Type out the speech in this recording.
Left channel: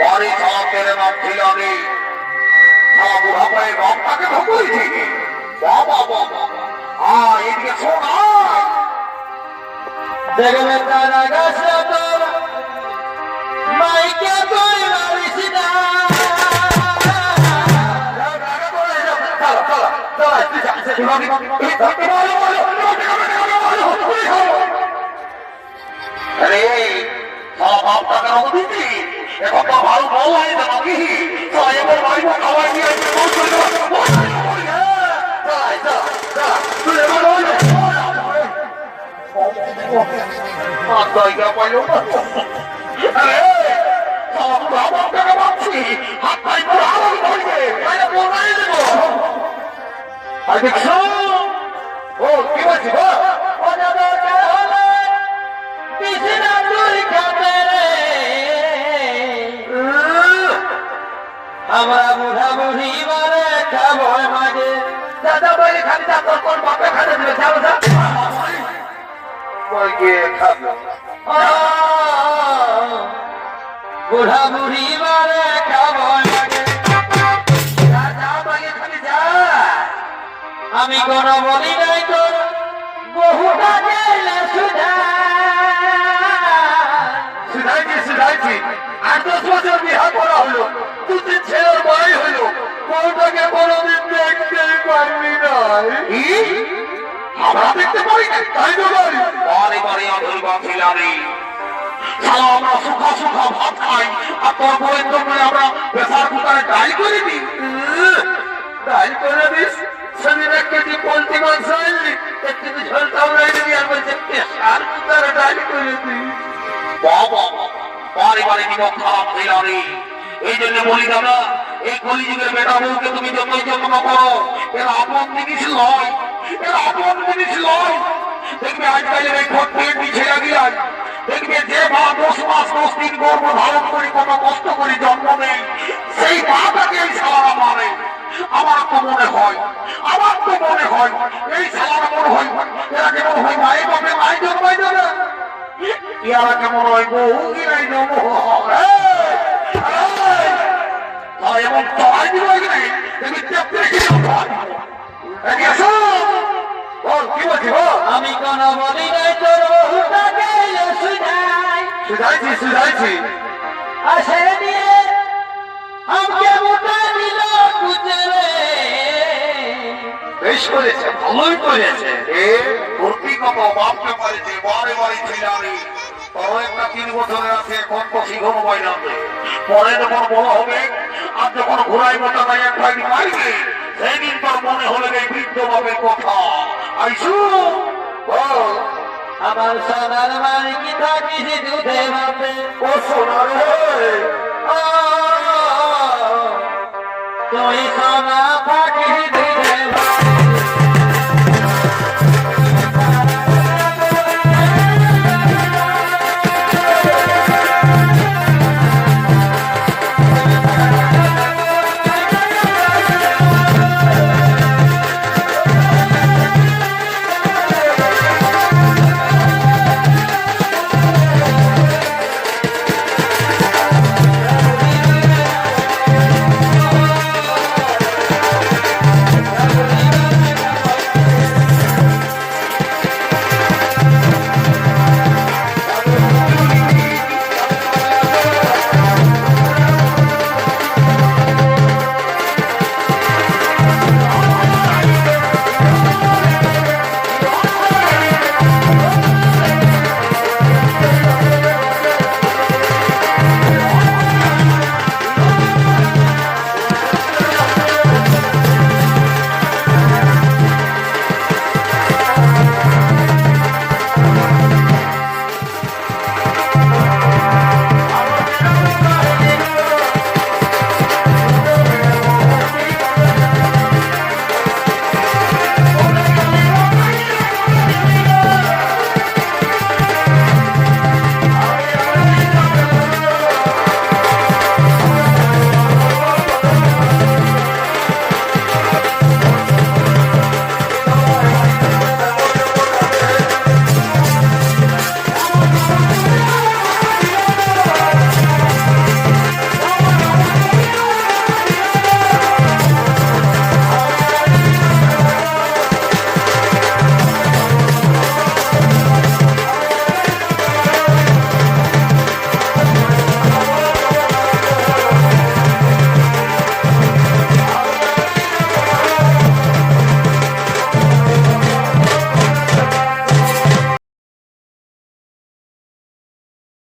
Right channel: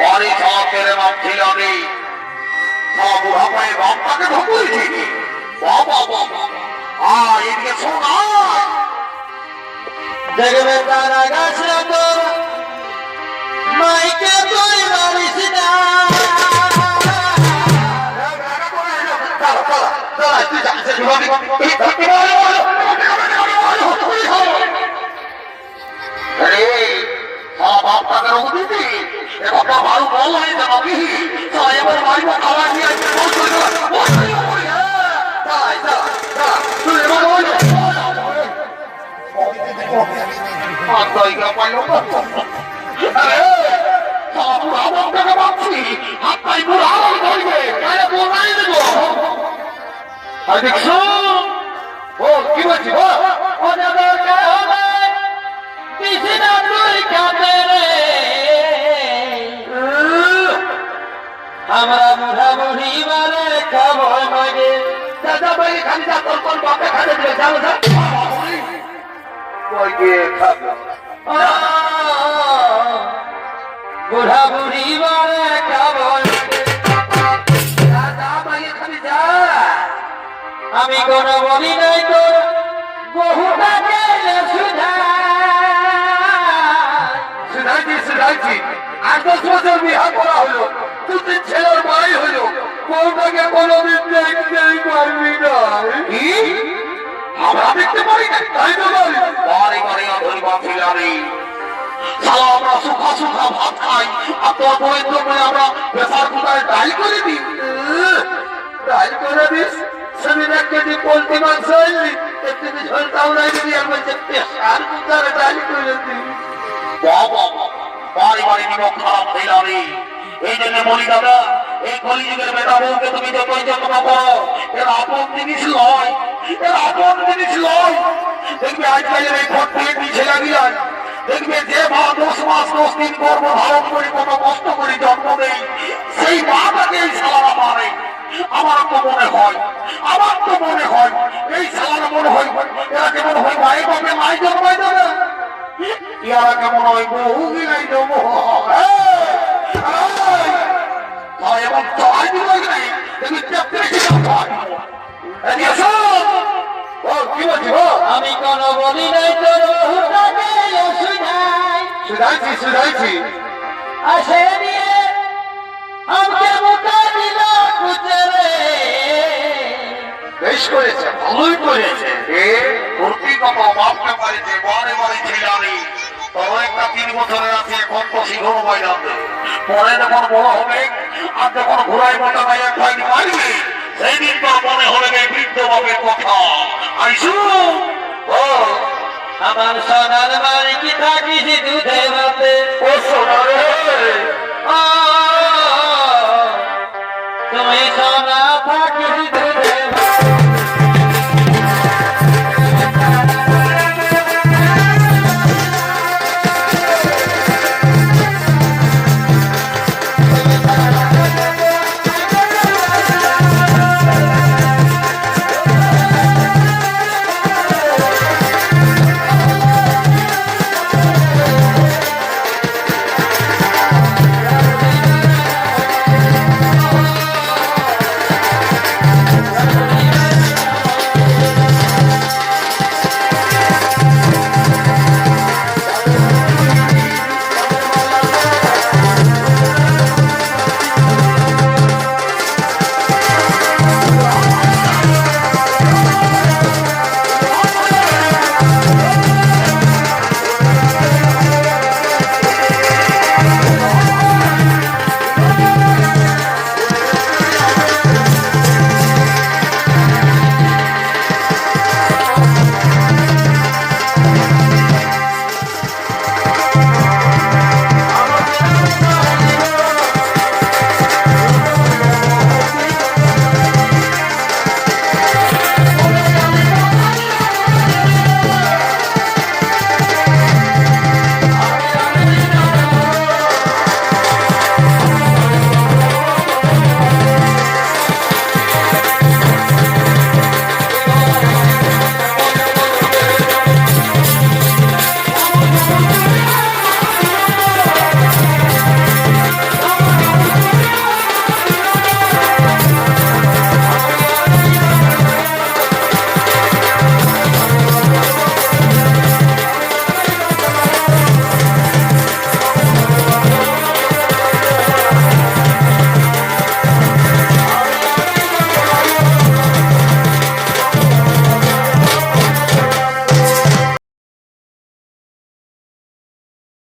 বাড়ি খাওয়া তেরে নাম ছিল আমি বুড়া পায়ে বাপটাকে ঢুকুয়েছি বাবা বাবা এদিকে শোনা দেখবে তারা গাছে তোর মাইকে তুই মারিস না বাপটাকে রঙ দিবি এবার ভালো ভালো হয়ে গেল কি এবার ভাই খাওয়াই নিয়ে কি বলছি আমরা বুড়া বুড়ি মারে খাবো মাগে দাদা ভাই খালি যা তোর কোন বাপে খাতে দিল যাবো যা বুড়া বুড়ি মারে খাবো দাদা ভাই খালি যা আমি কোন বলি নাই তোর বহুটা গেলে শুনাইছি 8-10 বছর বিহা করা হলো দুদিন ছেলের ভাই হলো বউটাকে কোনোদিন দেখতে পারবি না আমরা দেখতে পারি না তাই তো বলি বাড়ি বাড়ি অধর বাফিলারি শালা আমরা সুখা সুখা ভাত খাই আর তোর বউয়ের জন্য আমরা প্রেসার কুকারে ডাল করে দিই ডাল করে দিস সেদিন 1 কেজি পোলট্রি মাংস আনলি 1 কেজি ঝোলটাও নাই দিবি আর বলছে প্রেসার কুকারে ডাল করে দিই বাবা বাড়ি বাড়ি নিয়োগ খারাপ হইলারি এই জন্য বলি দাদা এই কলিযুগের বেটা বউকে তুমি যতই যত্ন করো এর আপন জিনিস নয় এর আপন জিনিস নয় দেখবি আজকালের এই ভোট পেট পিছিয়ে লাগিয়ে দেখবে যে মা 10 মাস 10 দিন গর্ভ ধারণ করে কত কষ্ট করে জন্ম নেই সেই মাটাকে এই শালারা মারে আমার তো মনে হয় এই শালারা মনে হয় এরা কেমন হয় মায়ের বাপে নাই জন্মাই দেবে ইয়ারা কেমন হয় বহু গিলাই দেবো এমন চড়াই দিব দেখবি কি বলছি আমি কোন বলি নাই তোর বহুটা গেলে শুধাইছি আসে দিয়ে আমাকে মোটা দিল কুচরে বেশ করেছে ভালোই করেছে ভর্তি কত বাপকে পারিছে বারে বারে ছিলানি তবে একটা 3 বছরের আছে এখন তো শিখর বাইরাতে পরে যখন বড় হবে আর যখন ঘোড়াই মোটা ভাই এক ভাই মারবে সেই দিন তোর মনে হলে এই বৃদ্ধ বাপের কথা আইসু আমার সোনার বাড়ি কি থাকিস দুধে ভাতে ও সোনার তুমি সোনা থাকিস